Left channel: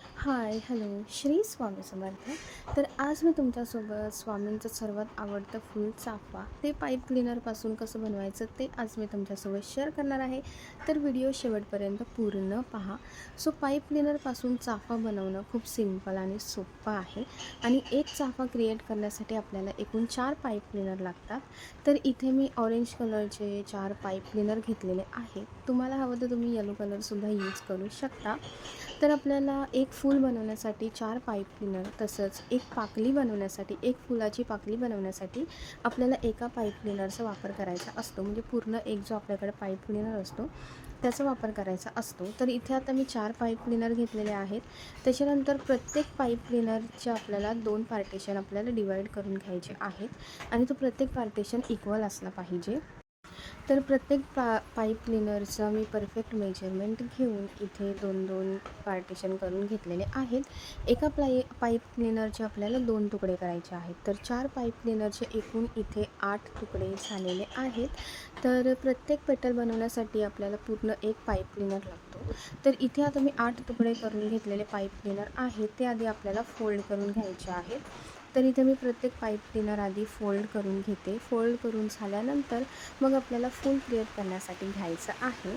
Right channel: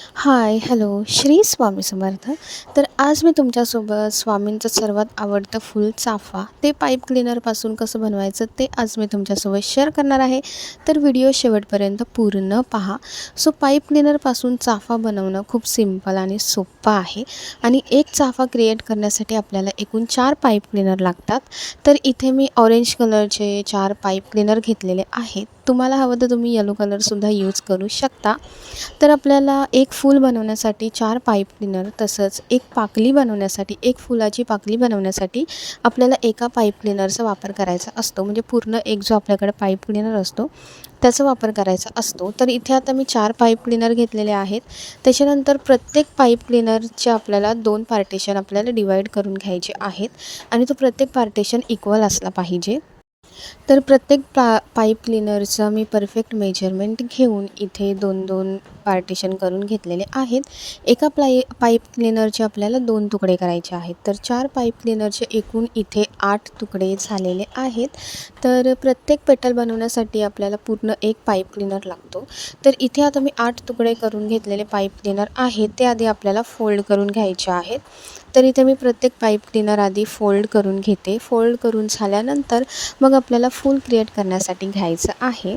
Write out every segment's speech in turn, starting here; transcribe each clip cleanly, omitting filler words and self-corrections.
हाय, hello. Shri Swami Samarth. तर आज मी तुमच्यासोबत स्वामींचं सर्वात आवडतं फूल चाफा ते पाईप क्लीनरपासून कसं बनवायचं ते आज मी तुमच्यासोबत शेअर करणार आहे. तर व्हिडिओ शेवटपर्यंत पूर्ण पहा. सो पाईप क्लीनरपासून चाफा बनवणं खूप सिंपल आणि सोपं आहे आणि एक चाफा क्रिएट करण्यासाठी आपल्याला एकूण 4 पाईप क्लीनर लागतात. तर इथे मी ऑरेंज कलरचे 4 पाईप क्लीनर घेतलेले आहेत. तुम्हाला हवं तर तुम्ही येलो कलरसुद्धा यूज करू शकता. तर आपल्याला एक फूल बनवण्यासाठी 4 पाईप क्लीनर तसंच एक पाकळी बनवण्यासाठी एक फुलाची पाकळी बनवण्यासाठी आपल्याला एका पाईप क्लीनरचा वापर करायचा असतो. म्हणजे पूर्ण एक जो आपल्याकडे पाईप क्लीनर असतो त्याचा वापर करायचा असतो. तर इथे आता मी 4 पाईप क्लीनर घेतलेले आहेत. त्याच्यानंतर प्रत्येक पाईप क्लीनरचे आपल्याला 2 पार्टिशन आपल्याला डिवाईड करून घ्यायचे आहेत आणि तो प्रत्येक पार्टिशन इक्वल असला पाहिजे. तर प्रत्येक पाईप क्लीनरचं मी परफेक्ट मेजरमेंट घेऊन इथे 2-2 पार्टिशन करून घेतलेले आहेत. एका पाईप क्लीनरचे आपल्याला 2 तुकडे करायचे आहेत. तर 4 पाईप क्लीनरचे एकूण इथे 8 तुकडे झालेले आहेत. तर प्रत्येक पेटल बनवण्यासाठी आपल्याला पूर्ण एक पाईप क्लीनर लागतो. तर इथे आता मी 8 तुकडे करून घेतलेले पाईप क्लीनर आहेत ते आधी आपल्याला फोल्ड करून घ्यायचे आहेत. तर इथे मी प्रत्येक पाईप क्लीनर आधी फोल्ड करून घेते. फोल्ड करून झाल्यानंतर मग आपल्याला फूल क्रिएट करण्यासाठी घ्यायचं आहे.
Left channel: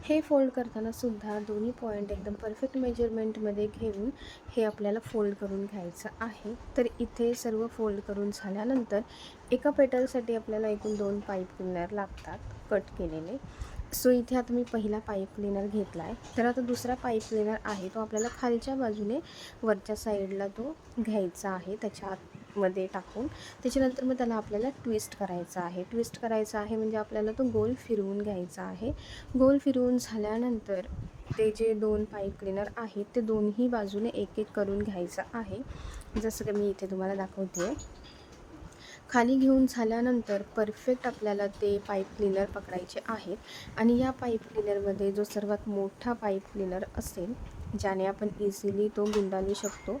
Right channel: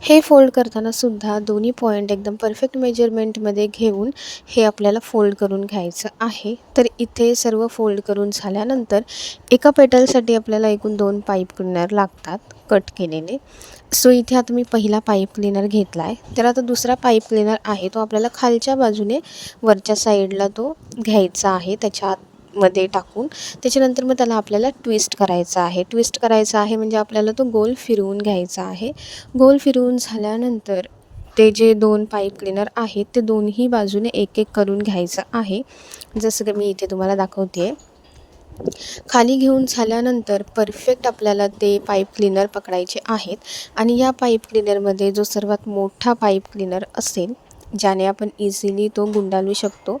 हे फोल्ड करताना सुद्धा दोन्ही पॉईंट एकदम परफेक्ट मेजरमेंटमध्ये घेऊन हे आपल्याला फोल्ड करून घ्यायचं आहे. तर इथे सर्व फोल्ड करून झाल्यानंतर एका पेटलसाठी आपल्याला एकूण 2 पाईप क्लीनर लागतात कट केलेले. सो इथे आता मी पहिला पाईप क्लीनर घेतला आहे. तर आता दुसरा पाईप क्लीनर आहे तो आपल्याला खालच्या बाजूने वरच्या साईडला तो घ्यायचा आहे त्याच्या आतमध्ये टाकून. त्याच्यानंतर मग त्याला आपल्याला ट्विस्ट करायचा आहे. ट्विस्ट करायचा आहे म्हणजे आपल्याला तो गोल फिरवून घ्यायचा आहे. गोल फिरवून झाल्यानंतर ते जे 2 पाईप क्लीनर आहेत ते दोन्ही बाजूने एक-एक करून घ्यायचं आहे. जसं की मी इथे तुम्हाला दाखवते आहे. खाली घेऊन झाल्यानंतर परफेक्ट आपल्याला ते पाईप क्लीनर पकडायचे आहेत आणि या पाईप क्लीनरमध्ये जो सर्वात मोठा पाईप क्लीनर असेल ज्याने आपण इझिली तो गुंडाळू शकतो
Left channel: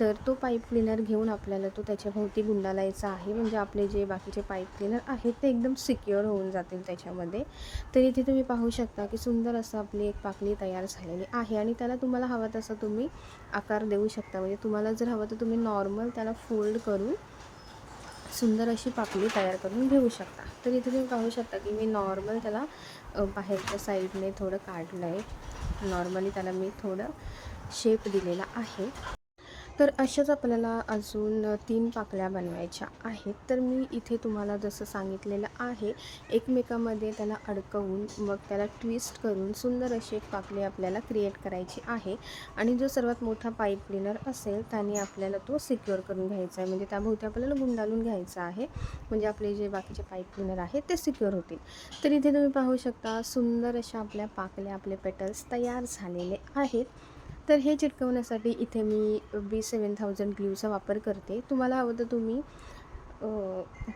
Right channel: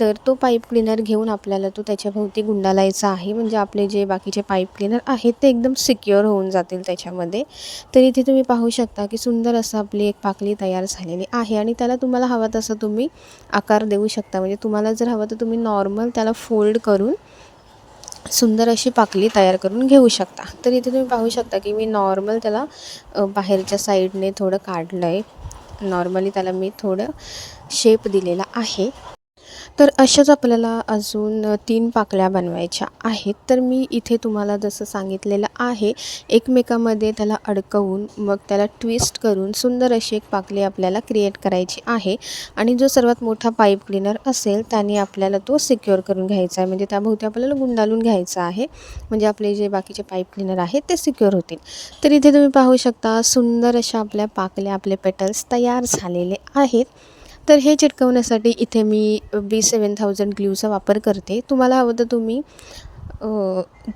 तर तो पाईप क्लीनर घेऊन आपल्याला तो त्याच्याभोवती गुंडाळायचा आहे. म्हणजे आपले जे बाकीचे पाईप क्लीनर आहेत ते एकदम सिक्युअर होऊन जातील त्याच्यामध्ये. तर इथे तुम्ही पाहू शकता की सुंदर असं आपली एक पाकळी तयार झालेली आहे आणि त्याला तुम्हाला हवा तसं तुम्ही आकार देऊ शकता. म्हणजे तुम्हाला जर हवं तर तुम्ही नॉर्मल त्याला फोल्ड करून सुंदर अशी पाकळी तयार करून घेऊ शकता. तर इथे तुम्ही पाहू शकता की मी नॉर्मल त्याला बाहेरच्या साईडने थोडं काढलं आहे. नॉर्मली त्याला मी थोडं शेप दिलेला आहे. तर अशाच आपल्याला अजून 3 पाकळ्या बनवायच्या आहेत. तर मी इथे तुम्हाला जसं सांगितलेलं आहे एकमेकांमध्ये त्याला अडकवून मग त्याला ट्विस्ट करून सुंदर अशी एक पाकळी आपल्याला क्रिएट करायची आहे आणि जो सर्वात मोठा पाईप क्लीनर असेल त्याने आपल्याला तो सिक्युअर करून घ्यायचा आहे. म्हणजे त्याभोवती आपल्याला गुंडाळून घ्यायचा आहे. म्हणजे आपले जे बाकीचे पाईप क्लीनर आहेत ते सिक्युअर होतील. तर इथे तुम्ही पाहू शकता सुंदर अशा आपल्या पाकळ्या आपले पेटल्स तयार झालेले आहेत. तर हे चिटकवण्यासाठी इथे मी B7000 ग्लूचा वापर करते. तुम्हाला हवं तर तुम्ही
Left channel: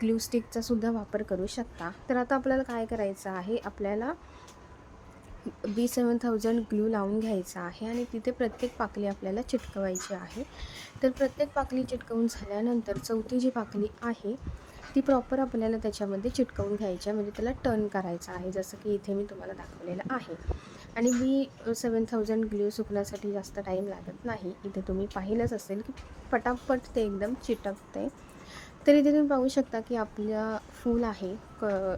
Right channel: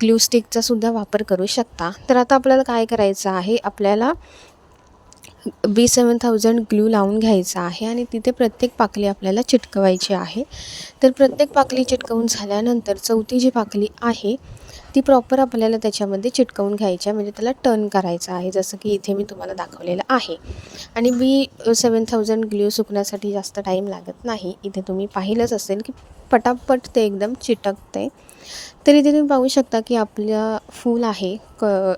ग्लू स्टिकचा सुद्धा वापर करू शकता. तर आता आपल्याला काय करायचं आहे आपल्याला B7000 ग्लू लावून घ्यायचा आहे आणि तिथे प्रत्येक पाकळी आपल्याला चिटकवायची आहे. तर प्रत्येक पाकळी चिटकवून झाल्यानंतर चौथी जी पाकळी आहे ती प्रॉपर आपल्याला त्याच्यामध्ये चिटकवून घ्यायची आहे. म्हणजे त्याला टर्न करायचं आहे जसं की इथे मी तुम्हाला दाखवलेलं आहे. आणि B7000 ग्लू सुकण्यासाठी जास्त टाईम लागत नाही. इथे तुम्ही पाहिलंच असेल की पटापट ते एकदम चिटकते. तर इथे तुम्ही पाहू शकता की आपला फूल आहे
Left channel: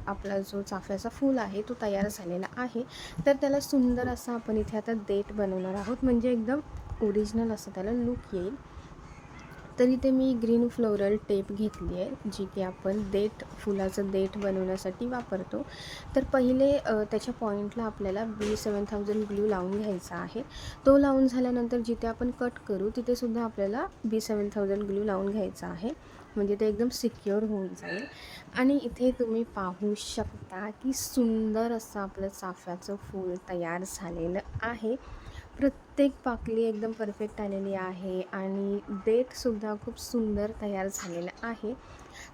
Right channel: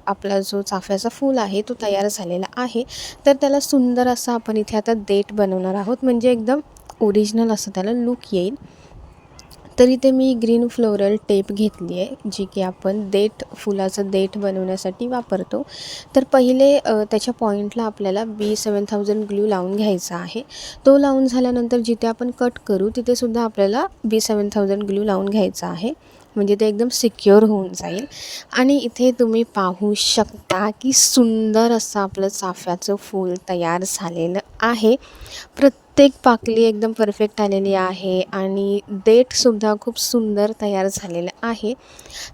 आपला जो चाफ्याचा फूल आहे तो तयार झालेला आहे. तर त्याला सुंदर असा आपण इथे आता देठ बनवणार आहोत. म्हणजे एकदम ओरिजिनल असं त्याला लूक येईल. तर इथे मी ग्रीन फ्लोरल टेप घेतली आहे जी की आपण फुलाचं देठ बनवण्यासाठी वापरतो. तर पहिले त्याच्या पॉईंटला आपल्याला B7000 ग्लू लावून घ्यायचा आहे. तो लावून झाल्यानंतर जिथे आपण कट करू तिथेसुद्धा आपल्याला B7000 ग्लू लावून घ्यायचा आहे. म्हणजे ते एकदम सिक्युअर होऊन जाईल. आणि इथे तुम्ही पाहू शकता की सुंदर असं आपलं चाफ्याचं फूल तयार झालेलं आहे. प्रत्येक पाकळी एकदम परफेक्ट आलेली आहे आणि देठसुद्धा खूप सुंदर तयार झालेलं आहे.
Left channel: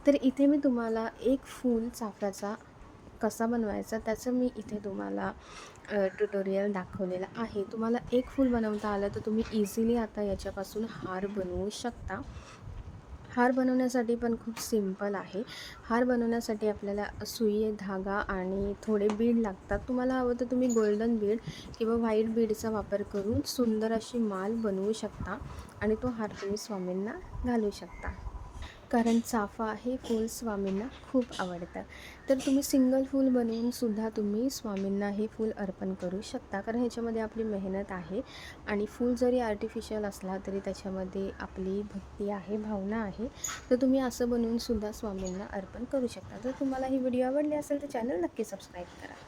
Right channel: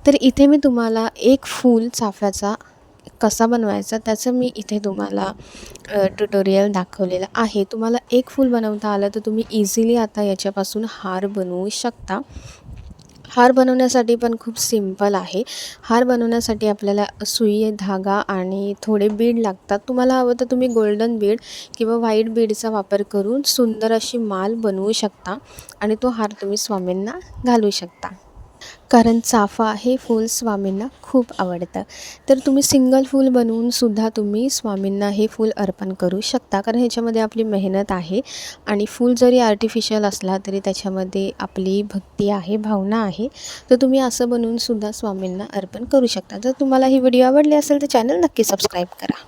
तर इथे मी तुम्हाला एक फूल चाफ्याचा कसा बनवायचा त्याचं मी इथे तुम्हाला ट्युटोरियल दाखवलेलं आहे. तुम्हाला एक फूल बनवता आलं तर तुम्ही इझिली आता याच्यापासून हार बनवू शकता. हार बनवण्यासाठी पण खूप सिंपल आहे. हार बनवण्यासाठी आपल्याला सुई, धागा आणि थोडे बीड लागतात. तुम्हाला हवं तर तुम्ही गोल्डन बीड किंवा व्हाईट बीडचा वापर करून सुंदर अशी माळ बनवू शकता आणि तो हार तुम्ही स्वामींना घालू शकता. कारण चाफा हे फूल स्वामींना खूप आवडतं. तर तुम्ही सिंगल फूल बनवून सुद्धा तुम्ही स्वामींना हे फूल अर्पण करू शकता. कारण ह्याच्यामध्ये आपली मेहनत आहे आणि फूल जरी आर्टिफिशियल असला तरी त्याच्यामध्ये आपली भक्ती आहे, भावना आहे. तर तुम्ही असं बनवून सुद्धा स्वामींना अर्पण करू शकता. जर तुम्हाला ही व्हिडिओ आवडली असेल तर चॅनल नक्की सबस्क्राईब करा.